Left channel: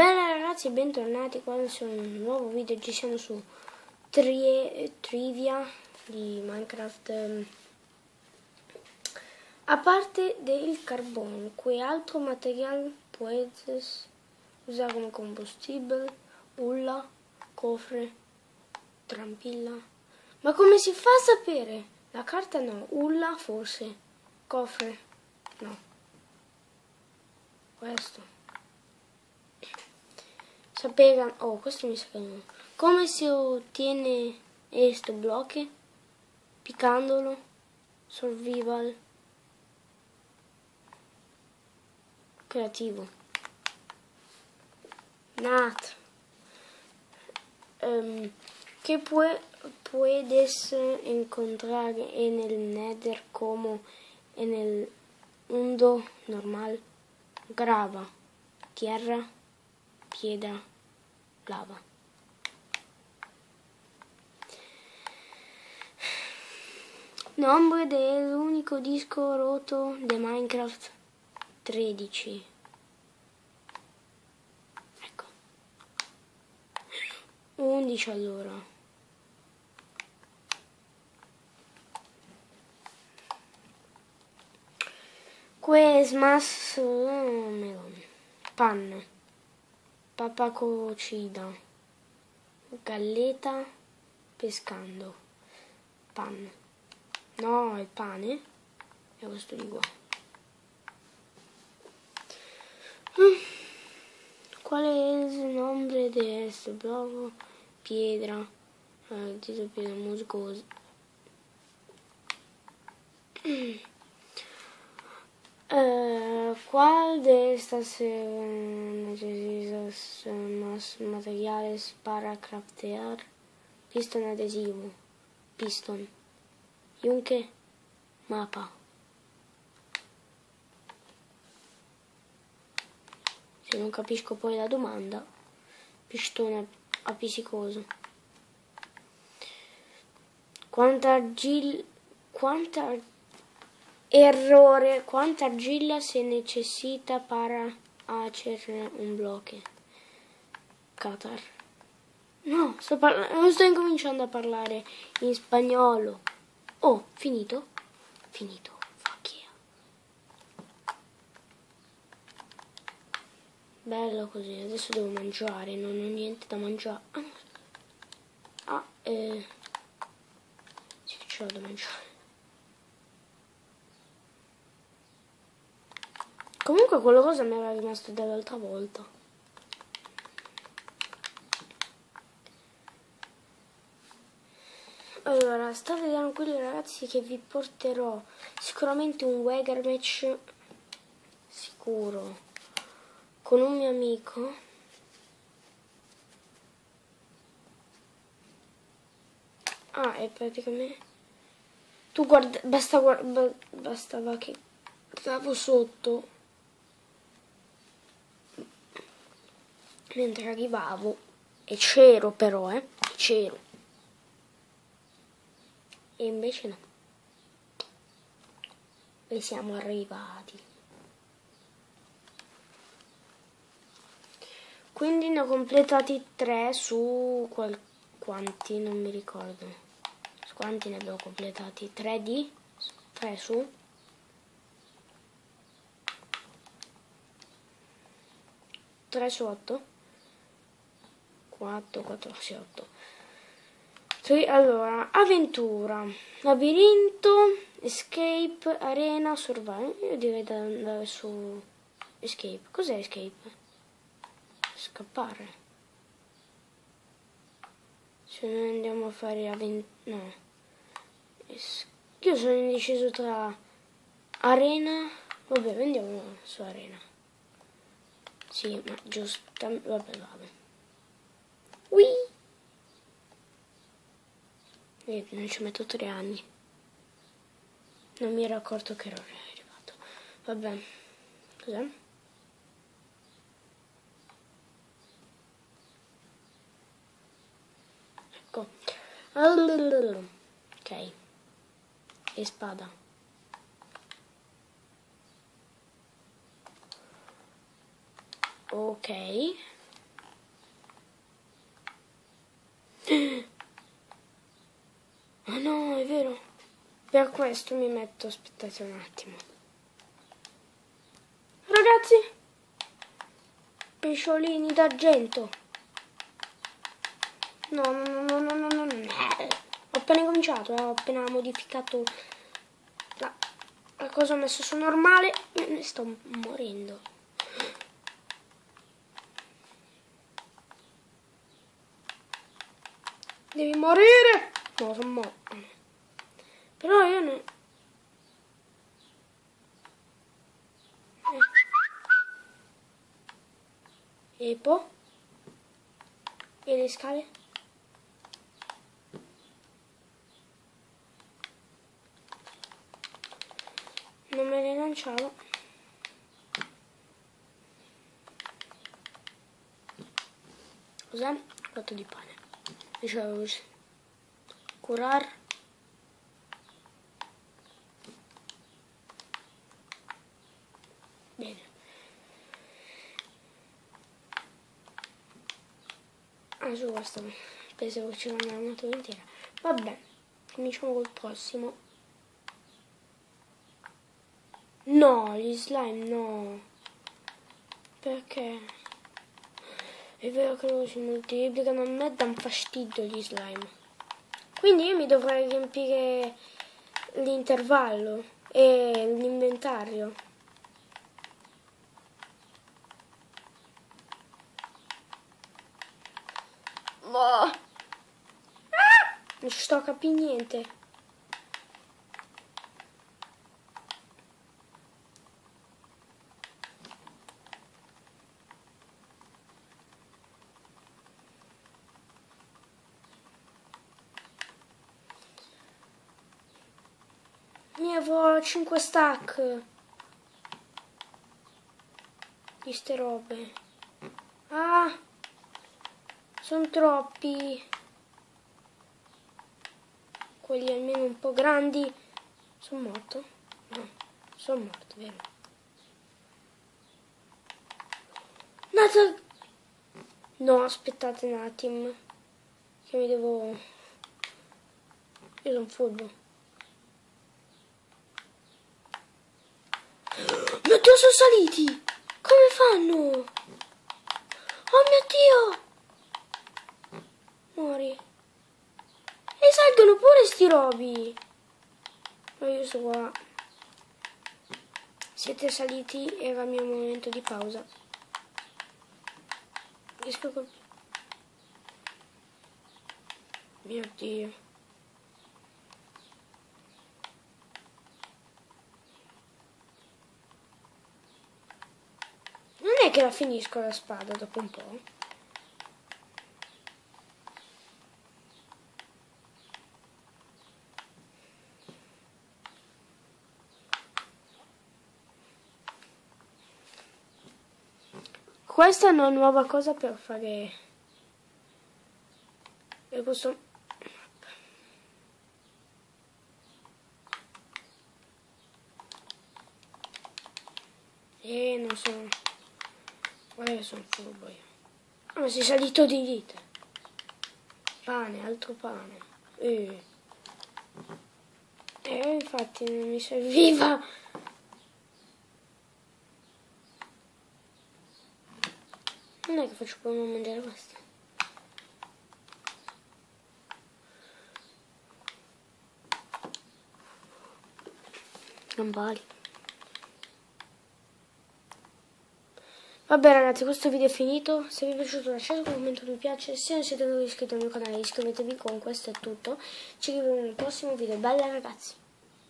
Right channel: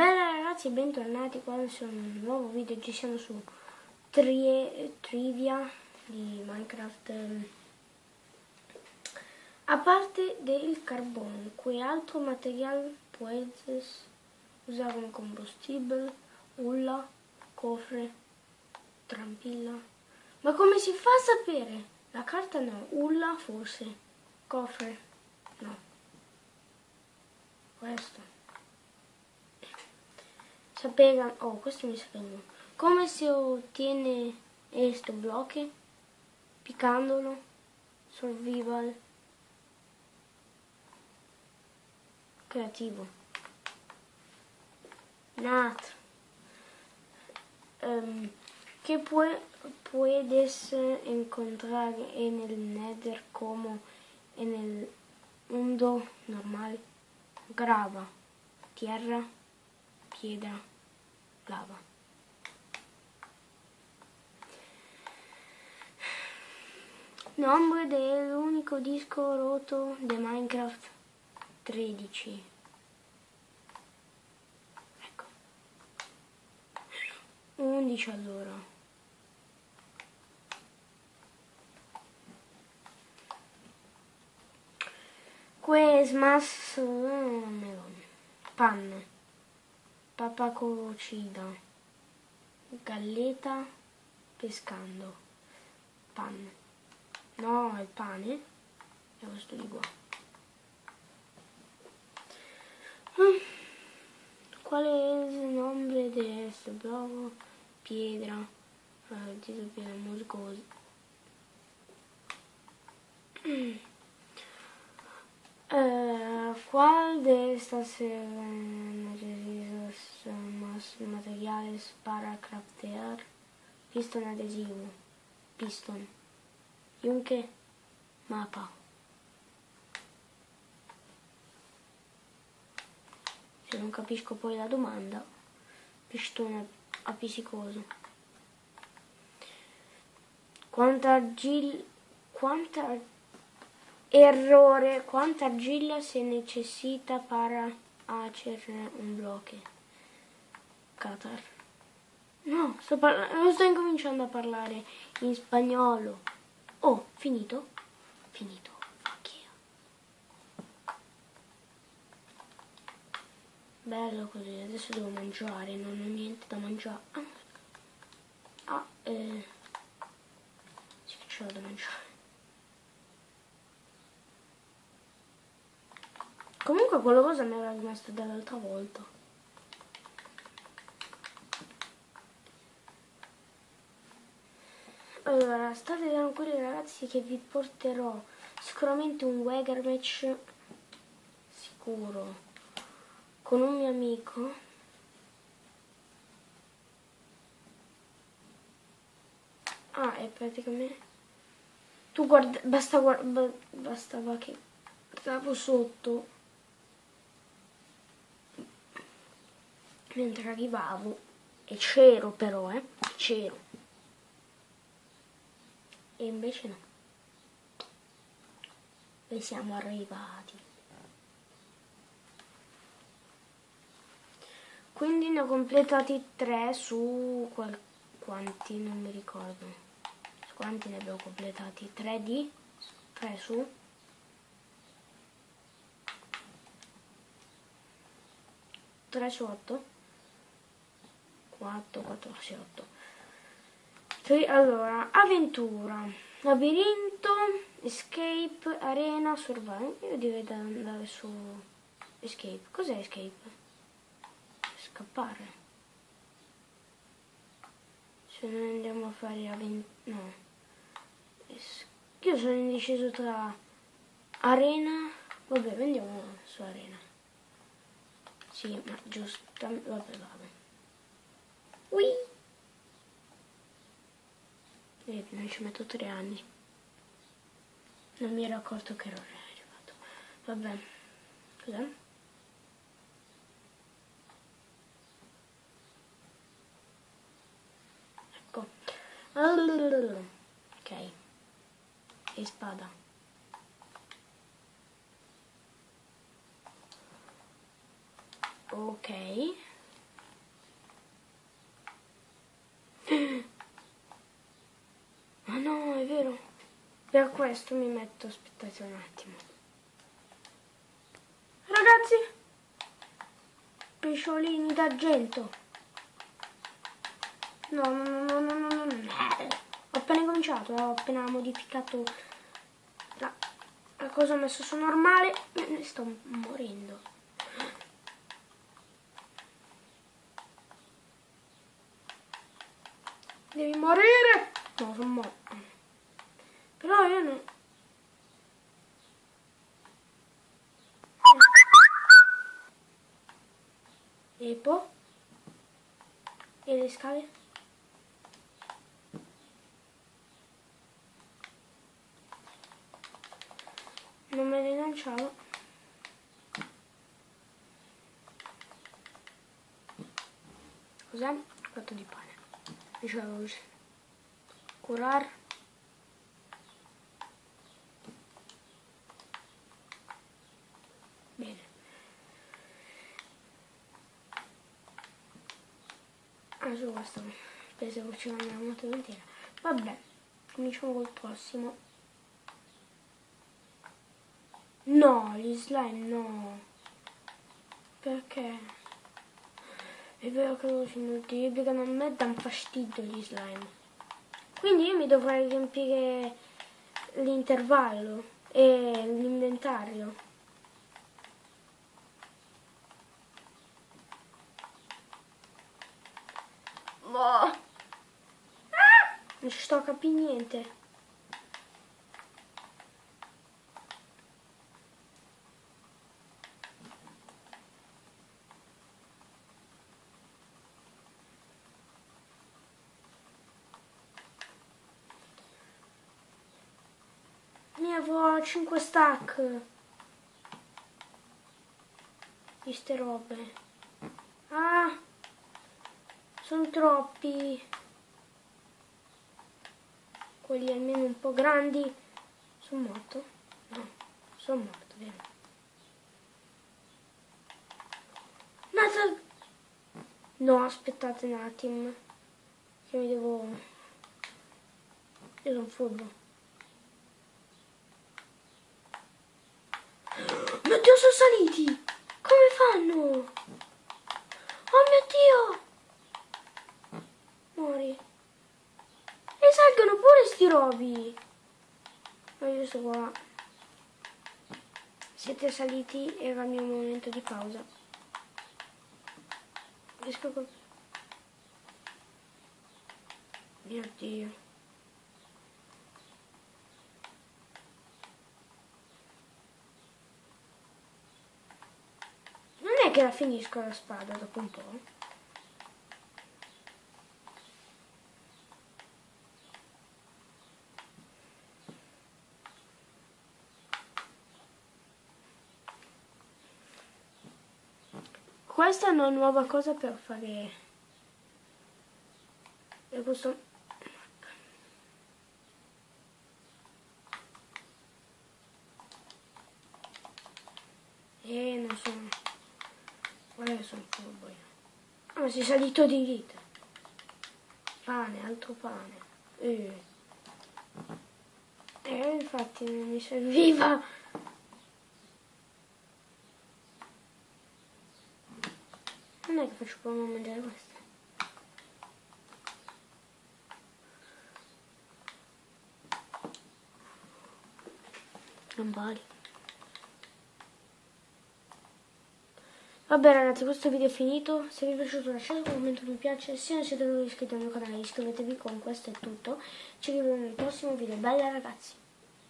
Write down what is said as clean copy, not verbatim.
Bene ragazzi, bentornati qua su un nuovo video. Ci siamo su trivia di Minecraft. A parte del carbone, quale altro materiale puedes usare come combustibile? Ulla, cofre, trampilla. Ma come si fa a sapere? La carta no, ulla forse, cofre no. Questo. Sapeva, oh, questo mi sa che no. Come si ottiene questo blocco? Piccandolo, survival, creativo. Nat. Que puedes encontrar en el Nether como en el mundo normal? Grava, tierra, piedra, lava. Nombre del único disco roto de Minecraft 13. Ecco. 11 allora. Questo melone. Panne. Papà cocida. Galleta. Pescando. Panne. No, è pane. E questo di qua. Qual è il nome di questo blocco? Piedra. Tito piedra musgosa. ¿Cuál de estas necesitas más materiales para craftear? Piston adesivo, piston, yunque, mapa. Se non capisco poi la domanda, pistone appiccicoso. Quanta argilla se necessita para hacer un bloque? Qatar. No, sto incominciando a parlare in spagnolo. Oh, finito? Finito. Fuck you. Bello così, adesso devo mangiare, non ho niente da mangiare. Sì che ce l'ho da mangiare. Comunque quella cosa mi era rimasta dall'altra volta. Allora, state tranquilli ragazzi che vi porterò sicuramente un Wagger match sicuro con un mio amico. Ah, è praticamente tu guarda, bastava che stavo sotto mentre arrivavo e c'ero però, c'ero. E invece no. E siamo arrivati. Quindi ne ho completati 3 su quanti, non mi ricordo. Su quanti ne abbiamo completati? 3 su 3 su 8? 4 su 8. Allora, avventura, labirinto, escape, arena, survival. Io direi da andare su escape. Cos'è escape? Scappare. Se noi andiamo a fare avventura, no. Io sono indeciso tra arena. Vabbè, andiamo su arena. Sì, ma giusto. Vabbè. Whee! Non ci metto 3 anni. Non mi ero accorto che ero arrivato. Vabbè. Cos'è? Ecco. Ok. E spada. Ok. Ah no, è vero. Per questo mi metto, aspettate un attimo. Ragazzi, pesciolini d'argento. No. Ho appena cominciato, ho appena modificato la cosa, ho messo su normale e ne sto morendo. Devi morire! No, sono morto. Però io non... E poi? E le scale? Non me ne lanciavo. Cos'è? Fatto di pane. Dicevo così. Curar. Bene. Su questo pensavo ci fosse una moto intera. Vabbè, cominciamo col prossimo. No, gli slime no. Perché? È vero che loro si moltiplicano, a me danno fastidio gli slime. Quindi io mi dovrei riempire l'intervallo e l'inventario. No. Non ci sto a capire niente. Ne avrò 5 stack di ste robe. Ah, sono troppi. Quelli almeno un po' grandi. Sono morto? No, sono morto, vero? No, aspettate un attimo. Che mi devo... Io sono furbo. Mio Dio, sono saliti! Come fanno? Oh mio Dio! Muori. E salgono pure sti robi. Ma io sto qua. Siete saliti, era il mio momento di pausa. Riesco col... Mio Dio. Non è che la finisco la spada dopo un po'. Questa è una nuova cosa per fare... E questo... non sono... Io sono furbo io. Ah, ma sei salito di dita. Pane, altro pane. Infatti non mi serviva. Non è che faccio come mangiare questo. Gambari. Vabbè ragazzi, questo video è finito. Se vi è piaciuto lasciate un commento, mi piace. Se non siete ancora iscritti al mio canale iscrivetevi. Con questo è tutto. Ci vediamo nel prossimo video. Bella ragazzi.